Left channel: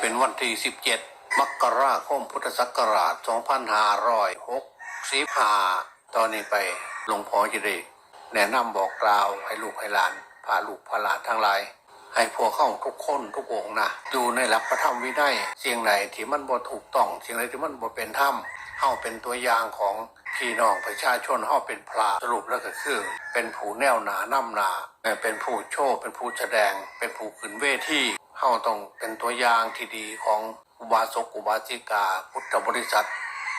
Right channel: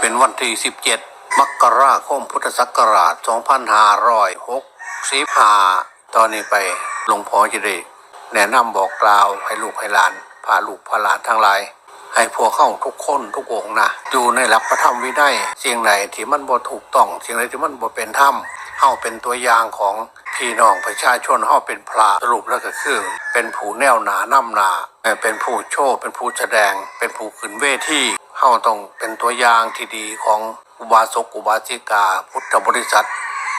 เป็นวันที่ 17 มกราคมพุทธศักราช 2565 ตอนนี้ไปหลวงพ่อจะได้แนะนำบอกกล่าวให้ลูกให้หลานพาลูกพาหลานทั้งหลาย ให้พวกเข้าทุกคนทุกองนะอยู่ในหลักพระธรรมวินัยสิ่งไหนที่มันบ่ถูกต้องสิ่งไหนที่มันบ่เป็นธรรมเฮาเป็นตัวอย่างของพี่น้องประชาชนเฮาเป็นพระสรุปแล้วก็คือ เป็นผู้แนวหนานํหนาเป็นผู้โชว์เป็นผู้แสดง เป็นผู้ขึ้นเวทีาต้องเป็นตัวอย่างที่ดีของอุบาสกอุบาสิกา พุทธบริษัท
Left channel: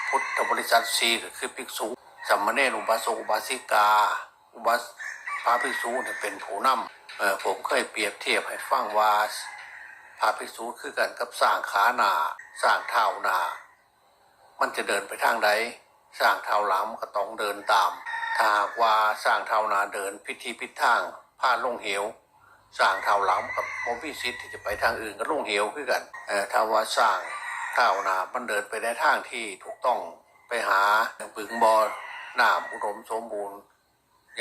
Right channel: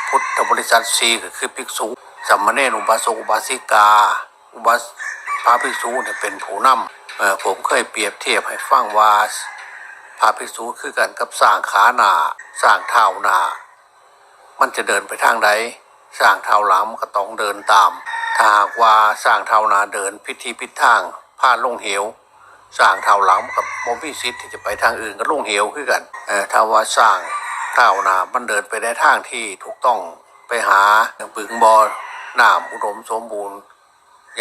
พุทธบริษัทสีก็คือภิกษุสัมมาเนรอุบาสกอุบาสิกา อุบาสพระภิกษุเนี่ยเป็นผู้นำผมเคยเปรียบเทียบให้ฟังว่าพระภิกษุคือกันกับสร้างขาหนาสร้างเท้าหนามันจะเดินไปทางใดสร้างเท้าหลังมันก็ต้องเดินตาม ถ้าหากว่าสร้างเท้าหนาเดินพิธีพิธทางพาดลงเหว สร้างเท้าหลังกับโมบิซิตที่จะไปทางอื่นก็ลงเหวคือกันเออถ้าว่าสร้างเท้านามันเดินไปในทางที่ถูกต้องไปหาปึงบอน้ำอุดมสมบูรณ์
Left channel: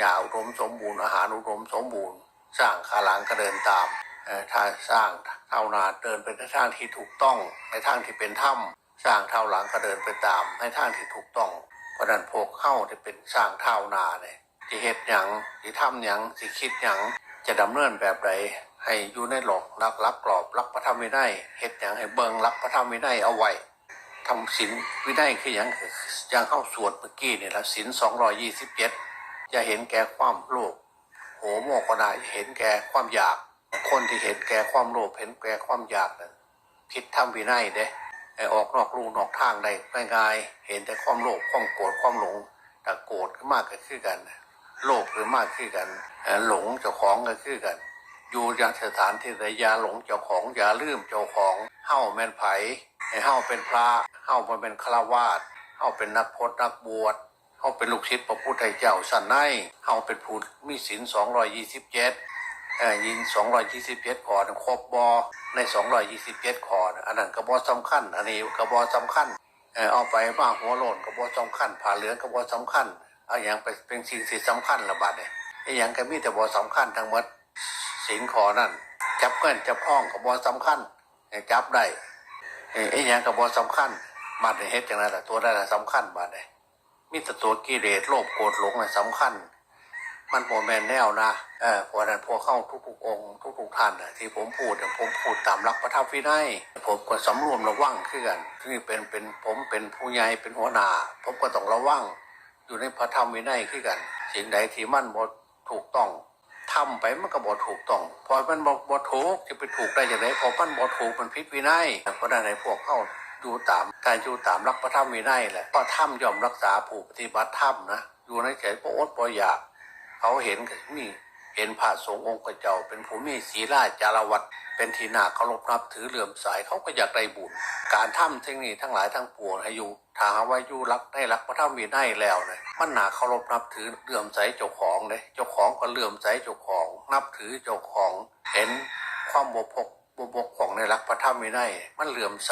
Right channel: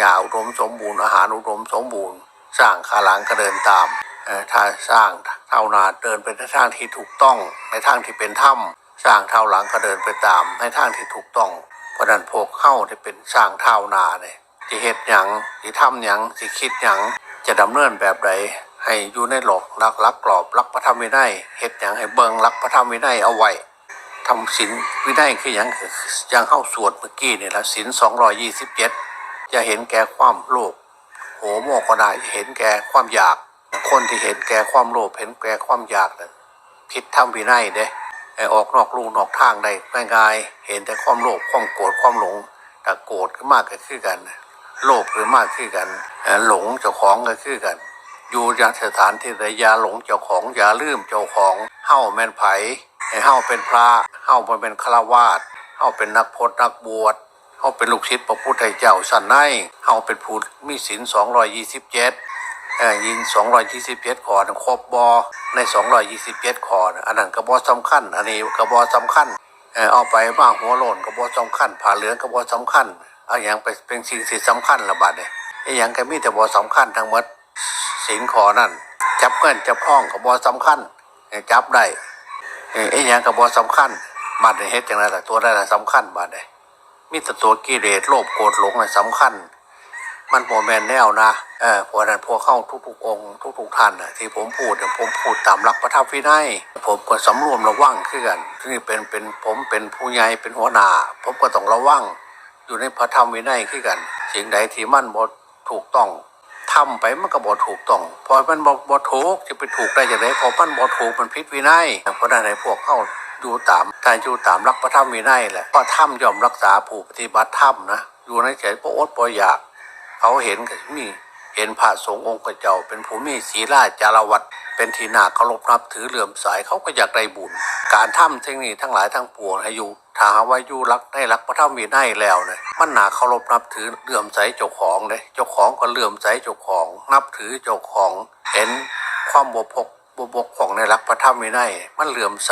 ยาอุดมสมบูรณ์อาหารอุดมสมบูรณ์ สร้างขาหลังก็เดินตามเออถ้าสร้างเท้านาเดินไปในทางที่ถูกต้องในทางที่เป็นถ้ำสร้างเท้าหลังก็เดินไปตามในทางที่ถูกต้องเพราะนั้นพวกเข้าที่เป็นสร้างเท้านาเนี่ยที่เฮ็ดหยังที่ทำหยังที่คิดหยัง จะดำเนินแบบใดให้อยู่ในหลอกรักรักกรอบรักพระธรรมวินัยเฮ็ดอย่างให้เบิงรักพระธรรมวินัยเอาไว้ทำศีลวินัยคืออย่างอย่างเข้าสวดเมื่อกี้นี่ละศีลสองรอยี่สิบเจ็ดจะเห็นแก่ความโลภโหโมก็ได้เห็นแก่ความอยาก คนที่เห็นแก่ความโลภเห็นแก่ความอยากนั้นผิดธรรมวินัยเด้ไอออกนอกลู่นอกทางได้ง่ายๆเห็นแต่ความโลภความโกรธความหลงแต่โกรธก็มากก็คือกัน โลภหรือมากคือกัน หลงเจ้าของก็คือกัน อยู่ยาสถานที่ใดยาหลงเจ้าของอย่าลืมเจ้าของเฮ้าแมนไผให้เฮ้าเป็นพระเฮ้าบ่เป็นฆราวาสเฮ้าเป็นนักพจนักบวชเฮ้าเป็นลูกศิษย์พระพุทธเจ้าสันในเฮ้าเป็นผู้มีศีลสองรอยี่สิบเจ็ดยินสองรอยี่สิบเจ็ดขอครบบอในสองรอยี่สิบเจ็ดขออันนั้นกระบอสำคัญ อันนี้กระบอสำคัญเอาไปมาหัวโลนก็บ่สำคัญผ่าเหลืองก็บ่สำคัญ เอาอย่างไปเป็นสิ่งที่งสำคัญละบาดเนี่ยไอ้อย่างก็มีแต่บ่สำคัญทั้งหมดสิงขอนั่น จับเงินจับห้องก็บ่สำคัญเออจับได้ไอ้อย่างก็บ่สำคัญบาดเนี่ยเฮ็ดจังไดล่ตัวได้ล่ะสำคัญบาดเนี่ยมีแต่ตัวกิเลสโลภโกรธหลงน่ะสำคัญ มันโมแมนแนวนะเออพราะฉะนั้นพวกเข้าทุกๆองค์ทุกๆท่านน่ะที่ผมพูดเนี่ยผมพูดตามหลักพระธรรมวินัยผมก็สำรวมระวังขึ้นกันที่เป็นเป็นผมเป็นผู้ใหญ่เป็นหัวหน้าผมก็ต้องระวัง อยู่ในพระธรรมวินัยขึ้นกัน สิ่งใดที่มันบ่ถูกต้องทำไปมันก็บ่ถูกต้องพอมันบ่บ่ถูกจะไปถูกได้อย่างไรพอมันบ่ถูกมันผิดวินัยเพราะนั้นให้พวกเข้าดูตามถ้าอยู่ตามรักพระธรรมวินัยแหละก็ธรรมยอมรักษาผู้ปฏิบัติธรรมนะอยู่ในใจบ่อษฐ์ปอยาก เขาเห็นก็มี เห็นพระสงฆ์องค์เจ้า เป็นผู้มีศีลาจารวัตเป็นทีน่าเคารพนับถือเหลื่อมใสเขาก็อยากได้บุญ การทำเทคนิคทั้งหลายทั้งปวงให้อยู่ถ้าหาว่าอยู่รักได้รักพระธรรมมีได้แล้วเนี่ยมันหนาเคารพนับถือเหลื่อมใสเจ้าของเลยเจ้าของก็เหลื่อมใสเจ้าของ นับถือเจ้าของ เห็นความบกพร่องบกพร่องในรักพระธรรมมีได้มันเหลื่อมใส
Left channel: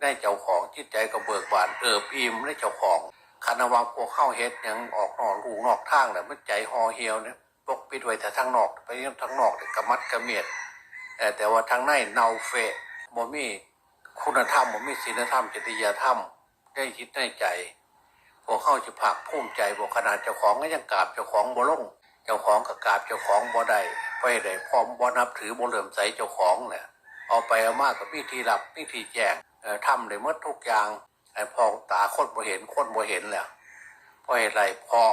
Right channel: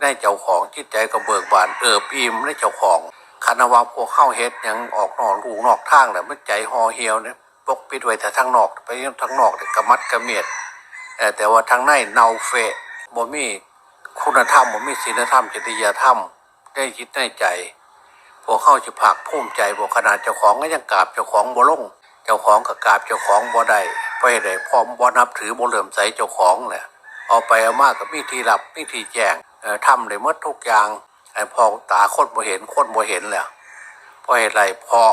ในเจ้าของจิตใจก็เบิกบานเอิบอิ่มในเจ้าของคณะว่าพวกเข้าเฮ็ดยังออกนอกลูนอกทางแหละมันใจห่อเหี่ยวเนี่ย ปกปิดไว้แต่ทางนอก ไปทางนอกเนี่ยกระมัดกระเมียดแต่ว่าทางในเนาเฟะบ่มีคุณธรรมบ่มีศีลธรรมจริยธรรมได้คิดได้ใจพวกเข้าจะผักภูมิใจบ่ขนาดเจ้าของก็ยังกราบเจ้าของบ่ลงเจ้าของก็กราบเจ้าของบ่ได้เพราะเหตุใดพร้อมบ่นับถือบ่เหลื่อมใสเจ้าของแหละเอาไปเอามากกับมีที่รับมีทีแจ้งทำได้หมดทุกอย่างไอ้พอตาคนบ่เห็นคนบ่เห็นแหละเพราะเหตุไรเพราะ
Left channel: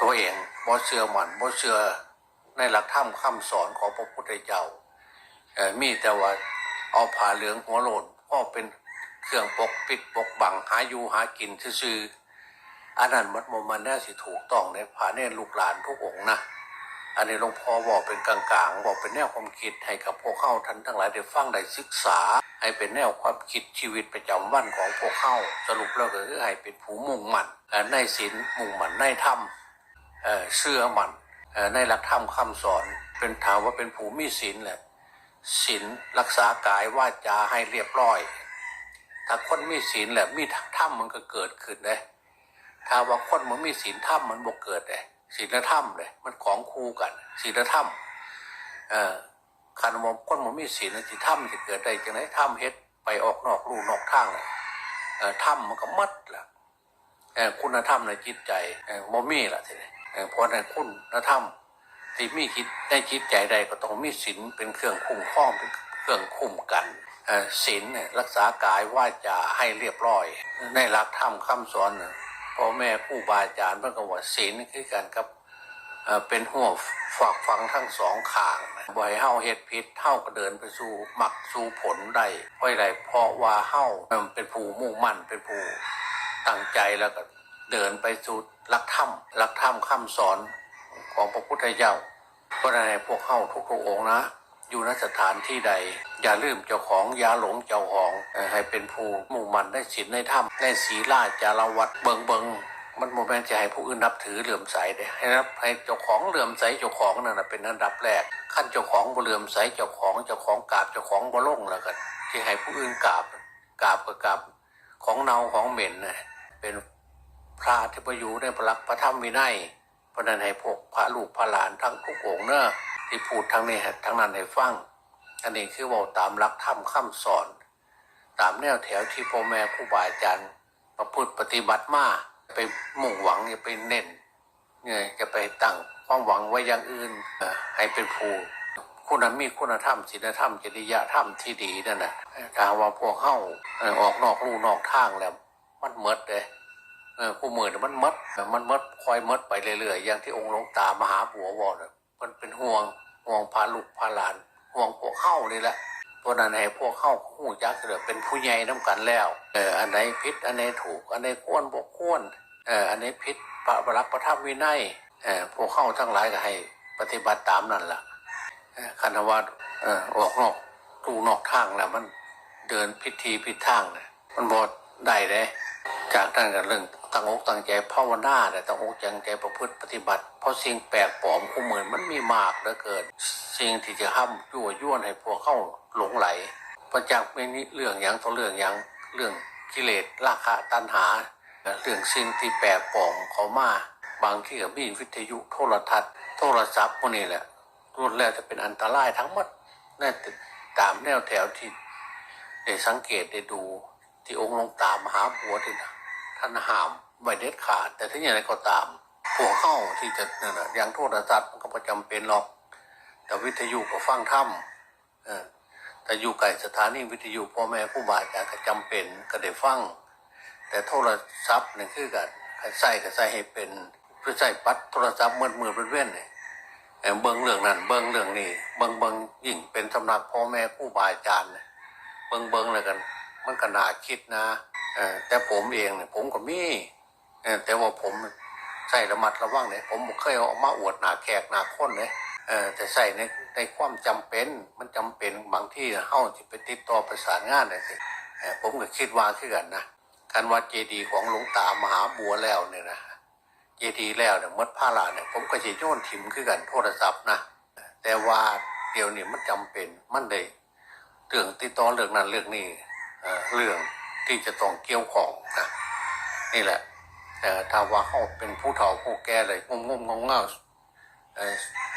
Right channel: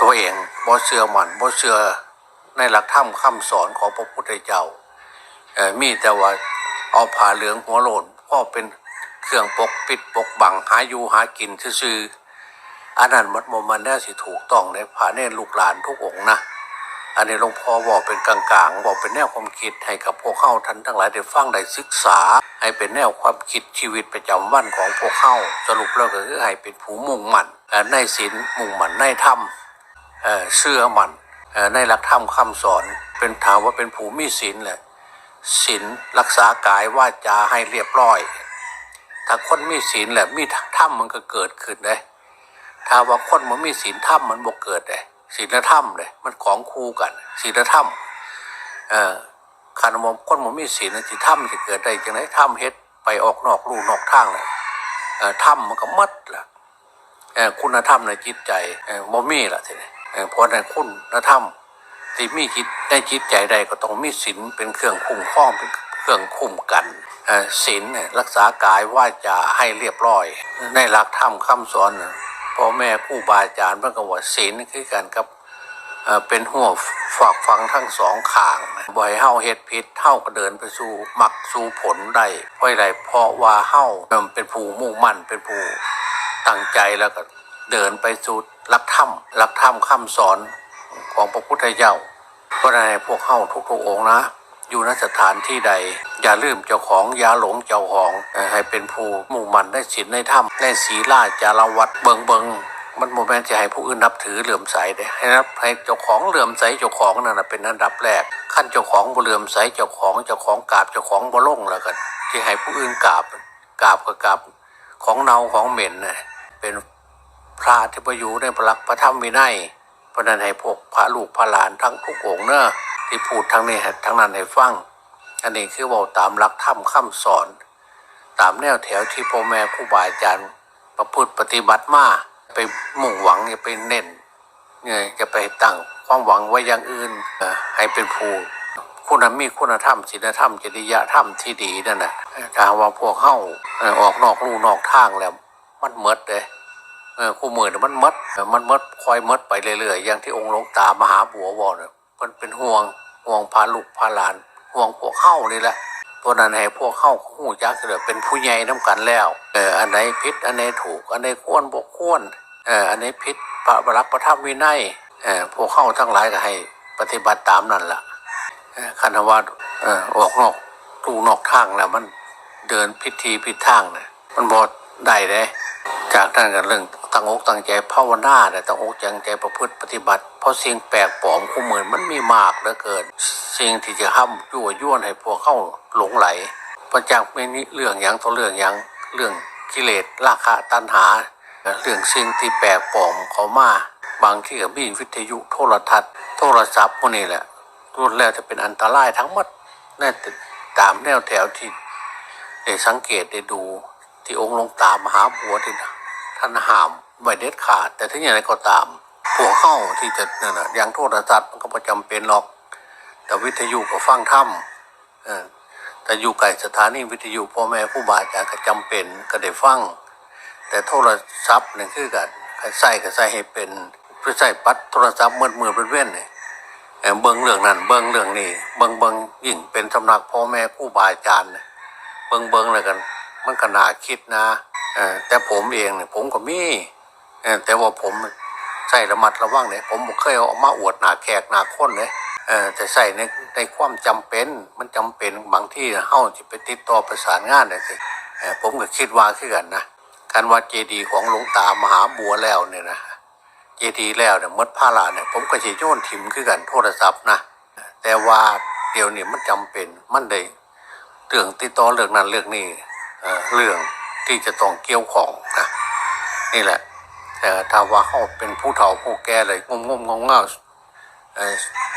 ตัวเองบ่เชื่อมันบ่เชื่อในหลักธรรมคำสอนของพระพุทธเจ้ามีแต่ว่าเอาผ้าเหลืองหัวโลนพ่อเป็นเครื่องปกปิดปกบังหาอยู่หากินซื่ออันนั้นมันบ่มันแน่สิถูกต้องในผ่าเนรลูกหลานทุกองนะอันนี้หลวงพ่อบอกเป็นกลางๆ บอกเป็นแนวความคิดให้กับพวกเข้าท่านทั้งหลายได้ฟังได้ศึกษา ให้เป็นแนวความคิดชีวิตประจำวันของพวกเข้าสรุปแล้วก็คือให้เป็นผู้มุ่งมั่นในศีลมุ่งมั่นในธรรม เชื่อมันในหลักธรรมคำสอนเป็นถามว่าเป็นผู้มีศีลแหละศีลรักษากายวาจาให้เรียบร้อย ถ้าคนมีศีลแหละมีธรรมมันก็เกิดขึ้นเลยถ้าว่าคนมันมีศีลธรรมมันบ่เกิดเลยศีลธรรมเลยมันของคู่กันศีลธรรมเอ่อคันมมคนมันมีศีลน่ะสิถ้ำจะเกิดได้จังไรถ้ำเฮ็ดไปออกนอกลู่นอกทางเลยเอ่อถ้ำมันก็มัดละคุณธรรมในจิตใจเอ่อบ่มีละทีนี้ เอ่อเพราะในคุณธรรมที่มีจิตในจิตใจใดก็ต้องมีศีลเป็นเครื่องคุ้มครองเป็นเครื่องคุ้มกันศีลเนี่ยรักษากายว่าจะให้เรียบร้อย ในหลักธรรมคำสอนพ่อแม่ครูบาอาจารย์พิ่นก็ว่าศีลนี่คือกันกับเป็นหัวฝากฟังทั้งสองข้างบ่ให้เฮาเฮ็ดผิดเฮาก็เดินไปสู่มักสู่ผลได้เพราะอะไรเพราะว่าเฮาเป็นผู้มุ่งมั่นเป็นผู้ตั้งใจแล้วก็ เดินไปสู่หลักธรรมหลักธรรมคำสอนของพระพุทธเจ้าเพราะฉะนั้พวกเฮาทุกๆองค์นะ อยู่ณสถานที่ใด อย่าลืมเจ้าของอย่าหลงเจ้าของให้เป็นผู้มุ่งมั่นได้ศีลในธรรมในศีลาจารวัดเบิงเบิงมันโมเมนจะให้ผู้อื่นนับถือเหลื่อมใสเด้ให้นับให้เจ้าของเหลื่อมใสเจ้าของนั่นนะเป็นอันดับแรกขั้นเจ้าของบ่เหลื่อมใสเจ้าของเจ้าของกราบเจ้าของบ่ลงแล้วกันที่ให้ผู้อื่นกราบกราบก็กราบของเนาของเหม็นนะเป็น พระที่ประอยู่ในพระลักพระธรรมวินัยพระนั้นให้พวกพระลูกพระหลานทั้งทุกองเนอะที่พูดทั้งนี้ทั้งนั้นให้ฟัง อันนี้คือเว่าตามหลักธรรมคำสอน ตามแนวแถวที่พ่อแม่ครูบาอาจารย์ประพฤติปฏิบัติมาไปมุ่งหวังอย่าไปเน้นเนี่ยจะไปตั้งความหวังไว้อย่างอื่นให้เป็นผู้คุณมีคุณธรรมศีลธรรมจริยธรรมที่ดีนั่นนะถ้าว่าพวกเข้าออกนอกลู่นอกทางแล้ว มันเมดเลย คู่มือเนี่ยมันเมดมันเมดคอยเมดไปเรื่อยๆอย่างที่องค์หลวงตามหาบัววอเนี่ยมันเป็นห่วงห่วงพาลูกพาหลาน ห่วงพวกเข้านี่แหละเพราะนั้นให้พวกเข้าหูจักเสือเป็นผู้ใหญ่น้ากันแล้วเอออันไหนผิดอันไหนถูก อันไหนควรบกควรเอออันไหนผิดพระบรักประทับวินัยเออพวกเข้าทั้งหลายก็ให้ ปฏิบัติตามนั่นแหละคันธวัฒเออออกนอกตูนอกทางแล้วมันเดินพิธีผิดทางเนี่ยมันบอดได้เลยจากนั้นกันเรื่อง ตั้งอกตั้งใจภาวนาเนี่ยตั้งอกตั้งใจประพฤติปฏิบัติ เพราะสิ่งแปลกปลอมคู่มือมันมีมากเหลือเกิน สิ่งที่จะห้ามยั่วย้วนให้พวกเข้าหลงไหลประจักษ์ไม่นี่เรื่องหยังต่อเรื่องหยังเรื่องกิเลสราคะตัณหา เรื่องสิ่งที่แปลกปลอมเขามาบางที่กับมีวิทยุโทรทัศน์ โทรศัพท์พวกนี้แหละรุนแล้วจะเป็นอันตรายทั้งหมดนั่นตามแนวแถวที่ได้สังเกตได้ดูที่องค์หลวงตามหาบัวที่ ท่านห้ามไว้เด็ดขาด แต่ถึงอย่างไรก็ตามพวกเข้าที่จะนั่นนะอย่างโทรศัพท์มันก็ประจำเป็นหรอก แต่วิทยุก็ฟังถ้ำแต่อยู่ไกลสถานีวิทยุพ่อแม่ผู้บาอาจารย์ก็จำเป็นก็ได้ฟัง แต่โทรศัพท์นี่คือกันใส่ก็ใส่ให้เป็นเพื่อใส่ปัดโทรศัพท์มือมือเป็นเว้นเนี่ยเบิ้งเรื่องนั้นเบิ้งเรื่องนี้เบิ้งเบิ้งยิ่งเป็นสำนักพ่อแม่ผู้บาอาจารย์เนี่ยเบิ้งเบิ้งเลยกัน มันก็น่าคิดนะแต่ผมเองเนี่ยผมก็มีแต่ว่าผมใส่ระมัดระวังเนี่ยผมเคยเอามาอวดหนาแขกหนาคนเนี่ยแต่ใส่ในในความจำเป็นมันจำเป็นบางที่เฮาจะไปติดต่อประสานงานได้สิเออผมก็คิดว่าคือกันนะการว่าเจดีย์ของหลวงตามหาบัวแล้วเนี่ยนะเจดีย์แล้วเนี่ยมดผ้าลาเนี่ยผมก็จะโยนถิ่มคือกันโทรศัพท์นะแต่ว่าเดี๋ยวนี้มันจำเป็นมันได้เรื่องติดต่อเรื่องนั้นเรื่องนี้ เรื่องที่จะต้องเกี่ยวของนะนี่แหละแต่ถ้าว่าเขาเป็นผู้เฒ่าผู้แก่เลยงมงมงงเงา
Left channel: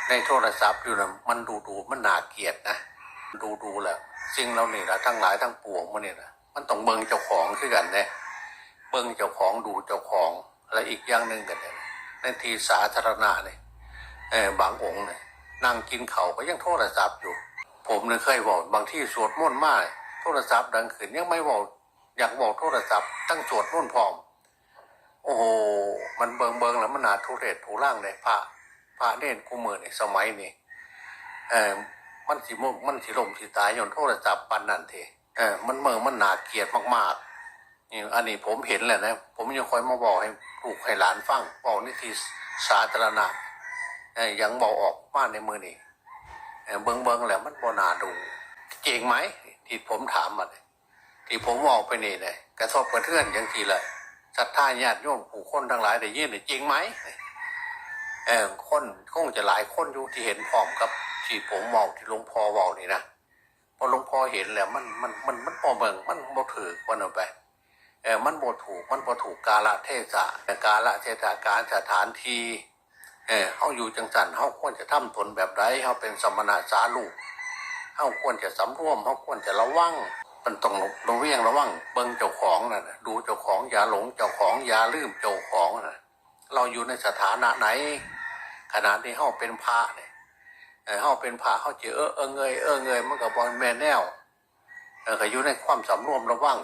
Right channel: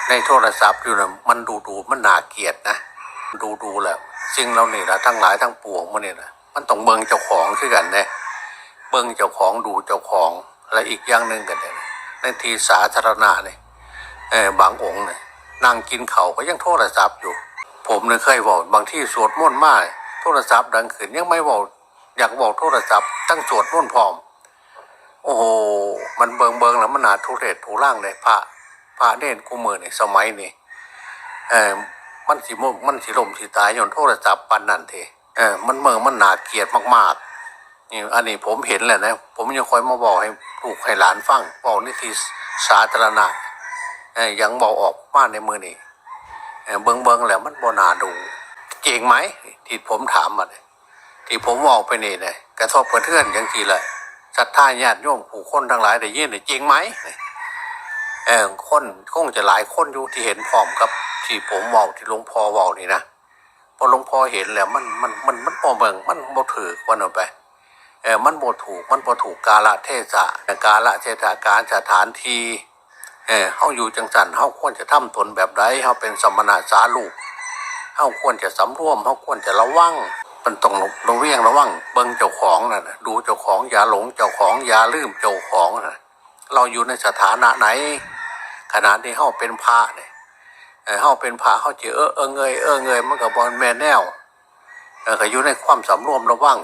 ในโทรศัพท์อยู่นะมันดูดูมันน่าเกลียดนะดูดูแหละสิ่งเราเนี่ละทั้งหลายทั้งปวงมันนี่ยนะมันต้องเบิงเจ้าของคือกันนะเบิงเจ้าของดูเจ้าของและอีกอย่างหนึ่งกันเนี่ยในที่สาธารณะเนี่ยบางองค์เนี่ยนั่งกินเขาก็ยังโทรศัพท์อยู่ ผมเนี่ยเคยบอกบางที่สวดมนต์มาก โทรศัพท์ดังขึ้นยังไม่บอกอยากบอกโทรศัพท์ตั้งสวดมนต์พร้อม โอ้โห มันเบิงเบิงแล้วมันหนาทุเรศทุร่างเลยพระพระเด่นกูมือนี่สมัยนี่เออมันสิมมันสิลมสิตายย้อนโทรศัพท์ปันนั่นเทเออมันเมืองมันหนาเกียดมากๆนี่อันนี้ผมเห็นแหละนะ ผมยังคอยมาบอกให้ลูกให้หลานฟังบอกนี่ที่สาธารณะเออยังบอกออกมาในมือนี่เออเบิงเบิงแล้วมันบ่นาดู จริงไหมที่ผมถามมาเนี่ยที่ผมบอกไปนี่เนี่ยกระทบกระเทือนอย่างทีเลยศรัทธาญาติโยมผู้คนทั้งหลายได้ยินเนี่ยจริงไหมเออคนคงจะหลายคนอยู่ที่เห็นพร้อมกับ ที่ผมเว้าที่หลวงพ่อเว้านี่นะพอหลวงพ่อเห็นแล้วมันมันมันมันบ่เบิ่งมันบ่ถือวันเอาไปเออมันบ่ถูกมันบ่ถูกกาละเทศะกาละเทศะการสถานที่เออเฮาอยู่จังสันเฮาควรจะทำตนแบบใดเฮาเป็นสมณะสาลูก เฮาควรจะสำรวมเฮาควรจะระวังมันต้องระเวียงระวังเบิ่งเจ้าของน่ะนะดูเจ้าของอย่าหลงเจ้าของอย่าลืมเจ้าของน่ะเราอยู่ในสถานะไหน ขณะที่เฮาเป็นพระเนี่ยเฮาเป็นพระเฮาจะเออเออเงยเออเงยมันก็บ่แม่นแนวเออก็อยู่ในความสำรวมระวัง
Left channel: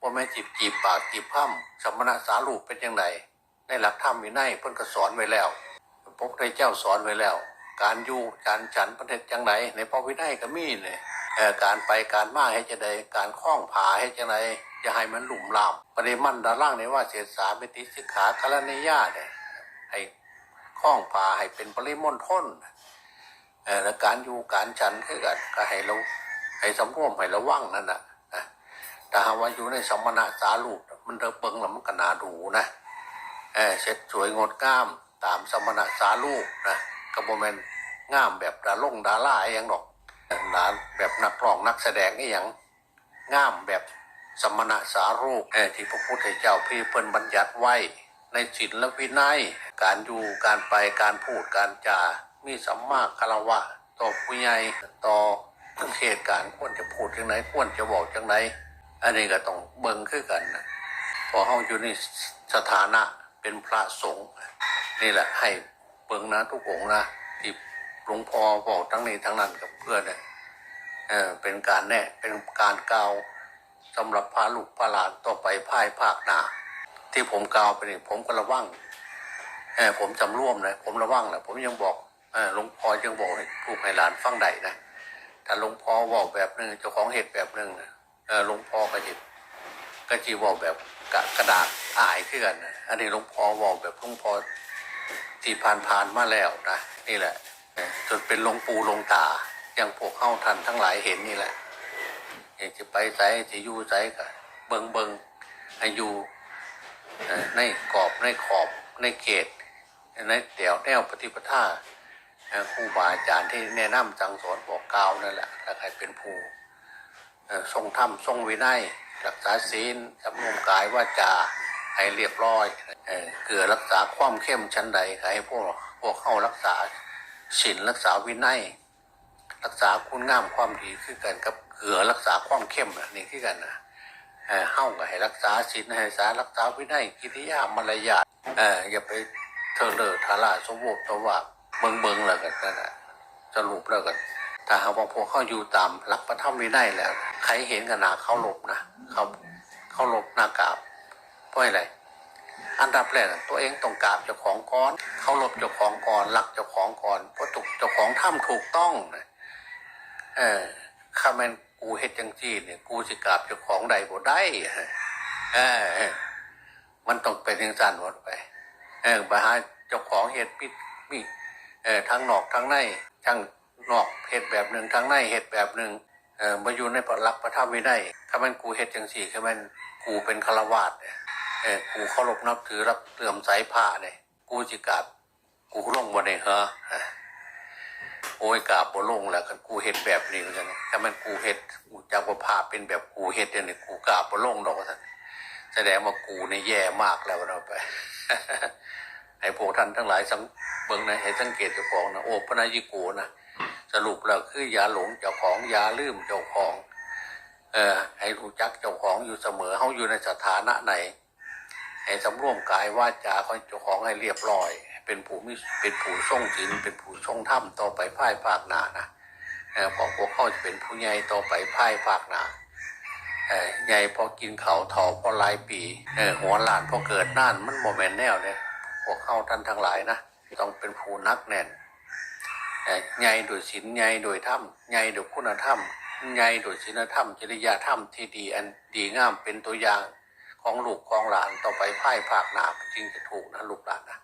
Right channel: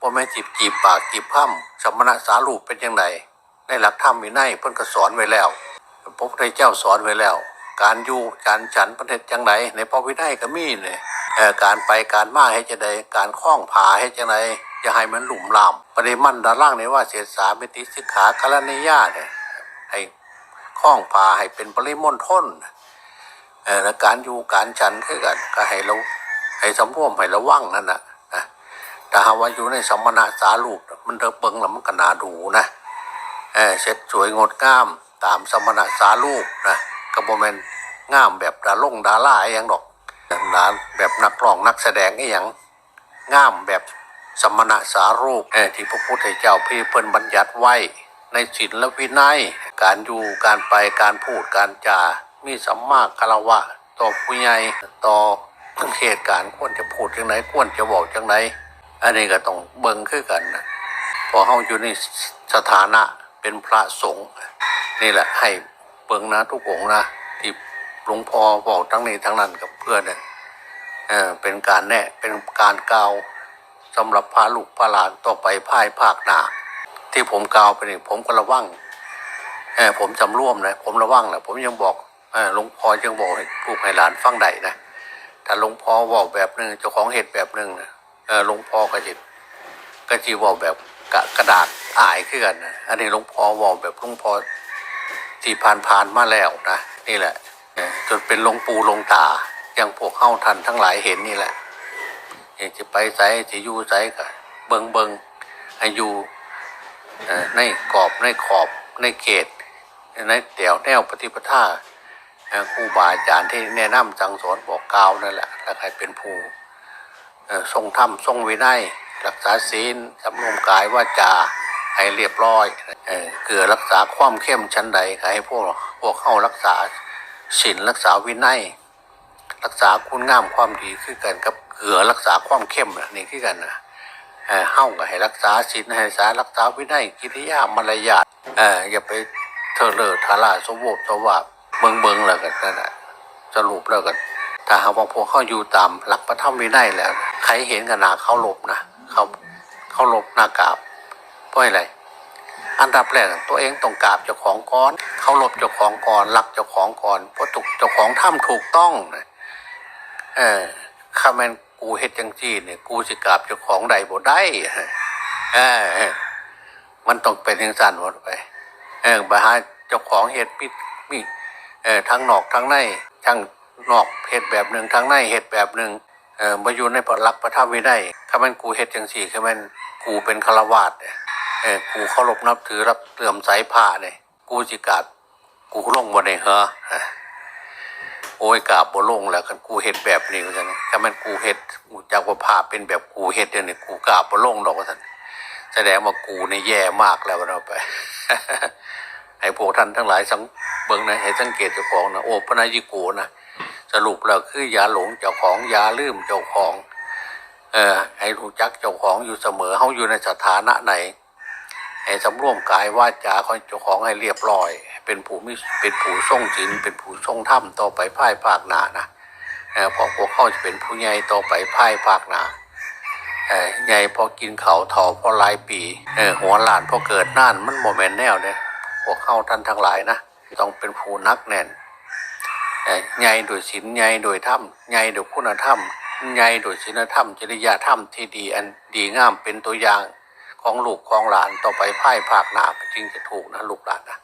บ่แม่จีบจีบปากจีบพ้ำสมณะสารูปเป็นจังไดในหลักธรรมมีในยเพิ่นก็สอนไว้แล้วพระพุทธเจ้าสอนไว้แล้ว การอยู่การฉันประเทศจังไดในพระวินัยก็มีเนี่ยการไปการมาให้จะไดการคล้องผาให้จังไดจะให้มันหลุ่มลามปริมันดาล่างในว่าเสียสามิติสิกขาคารนิยาเนี่ยให้คล้องผาให้เป็นปริมณฑลแล้วการอยู่การฉันคือกันก็ให้เราให้สำรวมให้ระวังนั่นน่ะนะแต่หาว่าอยู่ในสมณะสารูปมันเดิเบิงแล้วมันก็นาดูนะเออเช็ดสวยงดงามตามสมณะสารูปนะ กระโบแมนงามแบบดาลงดาล่าอหย่างดอกดาแบบนักร้องนักแสดงอหย่างงามแบบสมณะสารูปเออที่พระพุทธเจ้าพี่เพิ่นบัญญัติไว้ ในศีลและวินัย การอยู่การไปการพูดการจา มีสัมมาคารวะ ต่อผู้ใหญ่ต่อเหตุการณ์ควรจะพูดจังไหนควรจะบอกจังไหนอันนี้ก็ต้องเบิ่งคือกันนะพอเฮาอยู่ในสถานะเป็นพระสงฆ์นี่แหละให้ บิ่งนะทุกองนะที่หลวงพ่อบอกทั้งนี้ทั้งนั้นกับเพื่อนเนี่ยเออเป็นการแนะเป็นการกล่าวสำหรับพาลูกพาหลานต่อไปภายภาคหนาที่ผมกล่าวไปนี่ผมก็ระวังเออผมจำร่วมนะผมระวังนะผมยังบอกเออหลวงพ่อยังบอกให้ลูกให้หลานฟังได้นะถ้าหลวงพ่อบอกแบบหนึ่งเจ้าของเหตุแบบหนึ่งนะเออหลวงพ่อก็จะก็จีวอแบบกระดาษอายขึ้นกันนะอันนี้หลวงพ่อวอแบบหลวงพ่อ ที่ผ่านๆมาแล้วนะนี่แหละจนเป็นลงปูลงตาอย่างพวกเข้าทันทั้งหลายเห็นนี่แหละจะไปไสจะอยู่ไสก็เบิงเบิงให้อยู่ในกรอบในขอบในเขตในแถวแนวปฏิปทาเอ่อครูบาอาจารย์ที่แนะนำสั่งสอนบอกกล่าวนั่นแหละแล้วใครเป็นผู้ทรงธรรมทรงวินัยรักษาศีลสำรวมกายว่าจา ให้เรียบร้อยเกือรักษาความเข้มชั้นใดให้พวกพวกเข้ารักษาศีลรักษาวินัยรักษาคุณงามความดีคือกันกับเกือรักษาความเข้มนี่คือกันนะเฮ้าก็ให้รักษาศีลให้รักษารักษาวินัยกิริยามารยาทเอ่ออย่าไปเทอเลอทาราสมบูรณ์สวาเบิงเบิงแล้วกันนั่นแหละสรุปแล้วกันถ้าหากว่าพวกเขาอยู่ตามหลักพระธรรมวินัยแล้ว ใครเห็นกันนาเขาหลบนะเขาเขาหลบหน้ากาบ เพราะอะไรอันดับแรกตัวเองต้องกราบเจ้าของก่อนเขาหลบเจ้าของก่อนรักเจ้าของก่อนเพราะถูกเจ้าของทำถูกต้องเออข้าแมนกูเฮ็ดจังจีเนี่ยกูสิกราบเจ้าของใดบ่ได้เออมันต้องเป็นอย่างสั้นหมดไป เออไปหาเจ้าของเฮ็ดปิดมีเออทั้งนอกทั้งในทั้งนอกเฮ็ดแบบหนึ่งทั้งในเฮ็ดแบบหนึ่งเออมาอยู่ในพระลักษณ์พระธรรมวินัยข้ามันกูเฮ็ดจังสี่ข้ามันกูเป็นฆราวาสเนี่ย เออกูเคารพนับถือรับเลื่อมใสผ้าเนี่ยกูสิกาบกูลงบ่ได้เหรอโอ้ยกาบบ่ลงแล้วกันกูเฮ็ดแบบนี้ว่าซั่นถ้ามันกูเฮ็ดกูจากว่าผ้าเป็นแบบกูเฮ็ดเดี๋ยวนี้กูกาบบ่ลงดอกว่าซั่นแสดงว่ากูเนี่ยแย่มากแล้วเราไปให้พวกท่านทั้งหลายสังเบิ่งนะให้สังเกตเจ้าของนะโอ้พระนายยิโกนะสรุปแล้วคือยาหลงเจ้าของยาลืมเจ้าของ เออให้รู้จักเจ้าของอยู่เสมอเขาอยู่ในสถานะไหน ให้สำรวมกายวาจาของเจ้าของให้เรียบร้อย เป็นผู้มีเป็นผู้ทรงศีลเป็นผู้ทรงธรรมต่อไปภายภาคหน้านะเออเพอพวกเขาจะเป็นผู้ใหญ่ต่อไปภายภาคหน้าเออใหญ่พอกินเขาเถาพอหลายปีเออหัวหลานพอเกิดน่านมันโมเมนแนวเนี่ยพวกเข้าท่านทั้งหลายนะต้องเป็นผู้นักแน่นเอ่อใหญ่โดยศีลใหญ่โดยธรรมใหญ่โดยคุณธรรมใหญ่โดยศีลธรรมจริยธรรมที่ดีอันดีงามเป็นตัวอย่าง ของลูกของหลานต่อไปพ่ายภาคหนาจึงจะถูกนะลูกหลานนะ